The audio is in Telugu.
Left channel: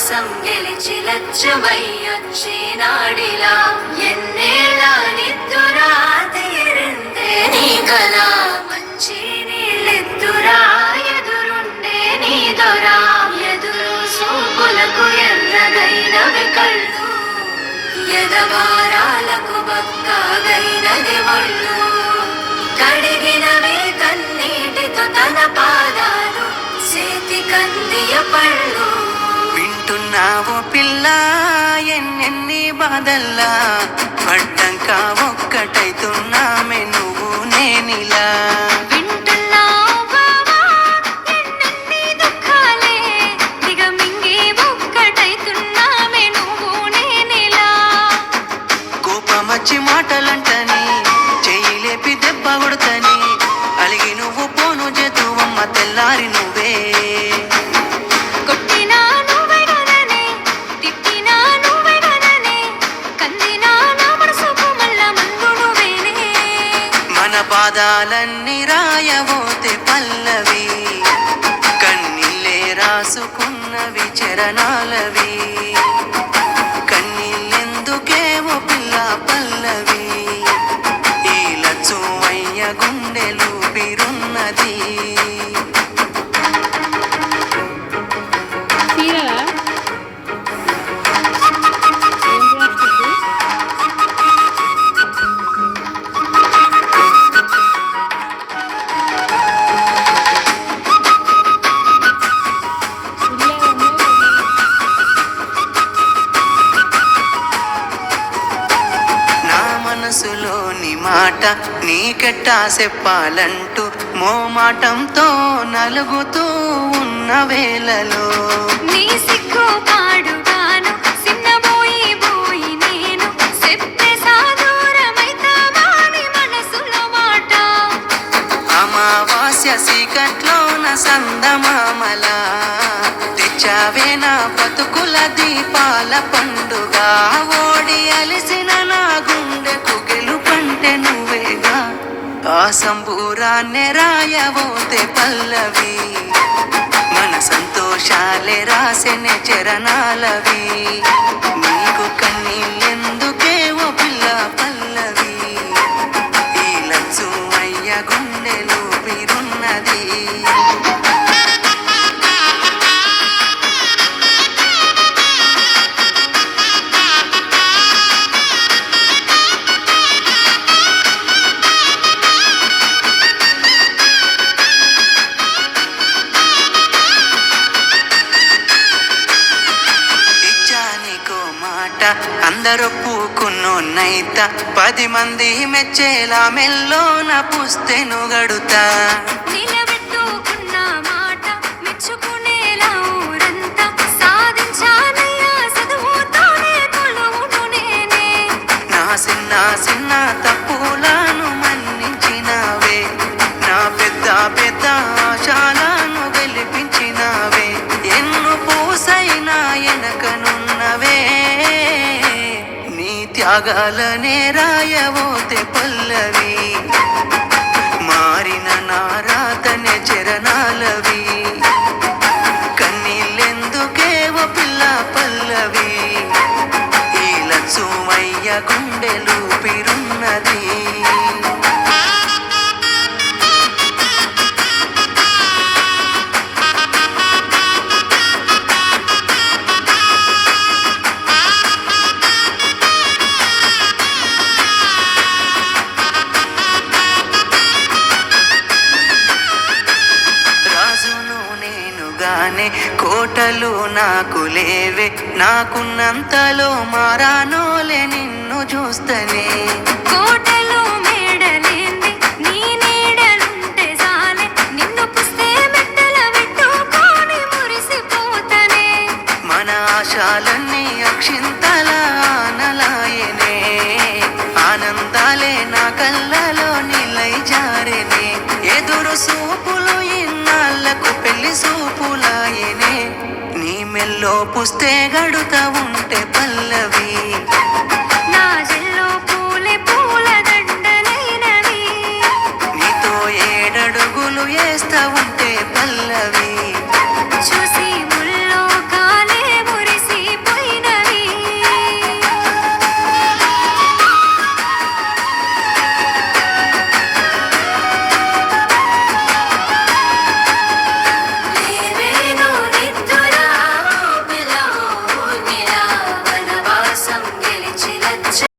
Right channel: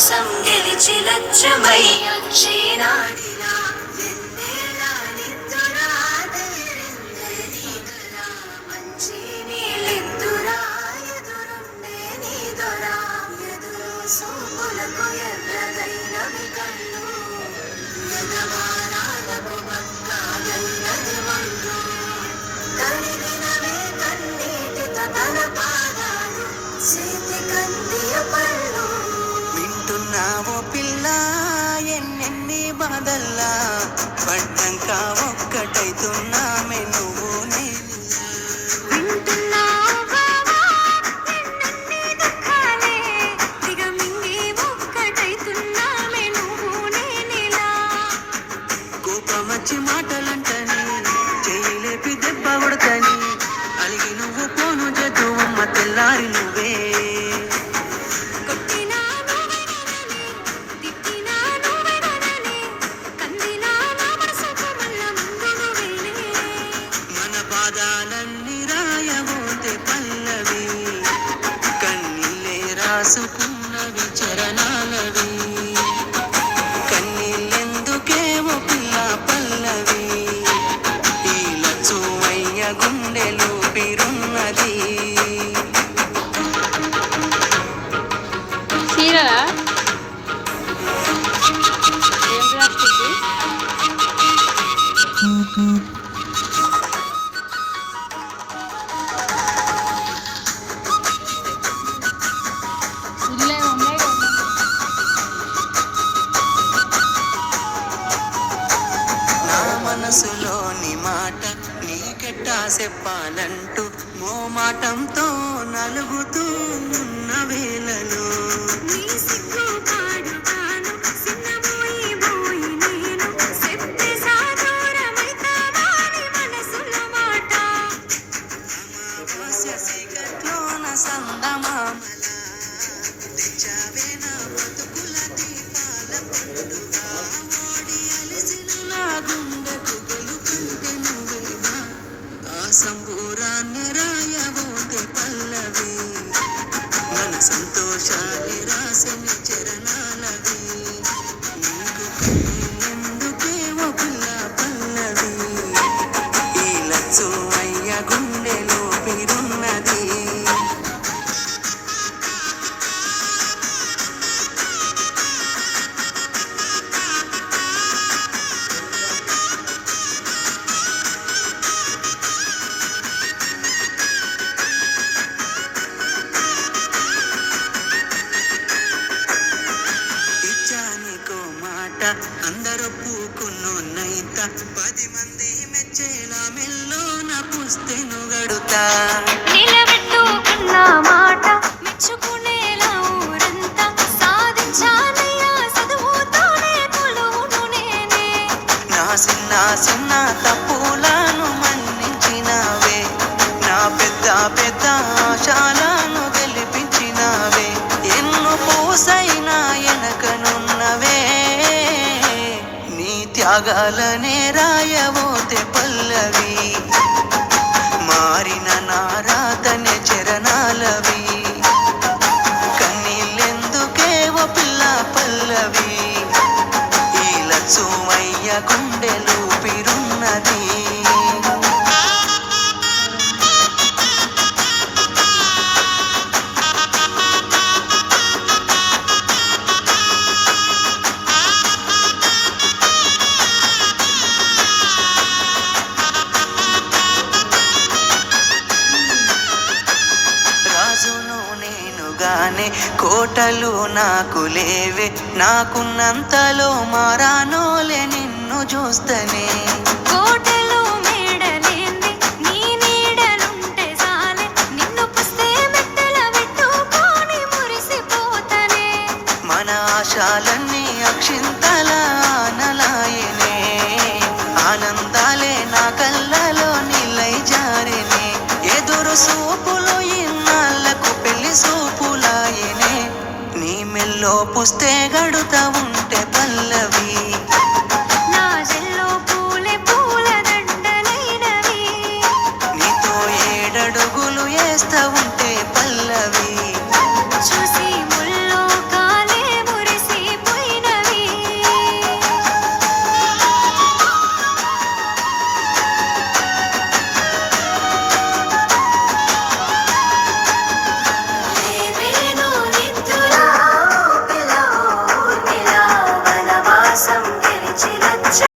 విశ్వాసం గెలిచి లక్ష్యమయ్యొచ్చే నాడిలా ఎన్నేళ్ళ నిద్దురా తీరిందే నీ కల మంచి నీళ్ళెద్దురా ఎదురుండే నీ దొరా ఎదురు సూపులకు ఎర్రగైనవి కళ్ళు ఎదవారాలకు బక్కగైనది ఒళ్ళు కడిగినవి కన్నీటితో తన పాదాలు చేతి కందియ పళ్ళు వింటున్నావో పిల్ల ఎన్నెన్ని బాధల్లా పడ్డంక ఒక్కటైతున్నామే నువ్వు నేనిలా కోపమచ్చి మాటలంటని చెయ్యి లేపి దెబ్బ కొడతని అలిగి నువ్వు పోను చేతువమ్మ తెల్లారి నువ్వే మన బాధాలన్నీ రాయబోతే పల్లవి కన్నీళ్ళే రాసుకున్నవి చరణాలవి కన్నీళ్ళెందుకేమో పిల్ల పల్లవి ఈ లచ్చువయ్య గుండెలు పిరున్నది మనసులోని మాట నీకెట్టా చెప్పాలంటూ మోమాటంతో నలుగుతూ ఉన్న వేళలో నీ సిగ్గు పాడుగాను సిన్నబోయి బోయి నేను చెప్పే సాదూరమైతావాని మనసులో మాట అమావాస్య సీకట్లోన సందమామల తెచ్చావే నా బతుకుల దీపాల పండుగ ఓడి అలిసిన నా గుండెకు గెలుపంటే నువ్వేగా ఆ సంబూరాన్నే రాయబోతే పల్లవి మన సంతోషాలే రాసెనే చరణాలవి నీకు కన్నీళ్ళెందుకేవో పిల్ల పల్లవి ఈ లచ్చు అయ్య గుండెలు పిరున్నది అందరూ పూకున్నోన్నైత 10 మంది మెచ్చేలా మెల్లోన పుస్తెను గడుతా నిలబెట్టుకున్న మాట మెచ్చుకునేలా ఊరంతా సాధించానయ్యా చదువుతోనే కొలువును నేనే నా చిన్న చిన్న తప్పులను మన్నించినావే నా పెద్ద పెద్ద ఆశలను గెలిపించినావే ఎన్ను పూసైనా ఎనకనున్నవే నీ త్యాగాలనే రాయబోతే పల్లవి మారిన నా రాతనే చరణాలవి కన్నీళ్ళెందుకేవో పిల్ల పల్లవి ఈ లచ్చువయ్య గుండెలు పిరున్నది కోటలు నాకు లేవే నాకున్నంతలో మారానోలే నిన్ను చూస్తనే కోటలు మేడలేంది నీ నీడలుంటే చాలే నిన్ను పుస్తే మెట్టల పెట్టుకొని మురిసిపోతనే మన ఆశాలన్నీ అక్షింతల ఆనలాయనే ఆనందాలే నా కళ్ళలో నిలై జారెనే ఎదురు సూపులు ఇన్నాళ్లకు పెళ్లి సూపులాయనే నీ మెల్లో పుస్తే గడుతా ఉంటే పల్లవి నా జల్లో పూలే పూల దండలైనవి నీతో 7 అడుగులు వేస్తా ఉంటే పల్లవి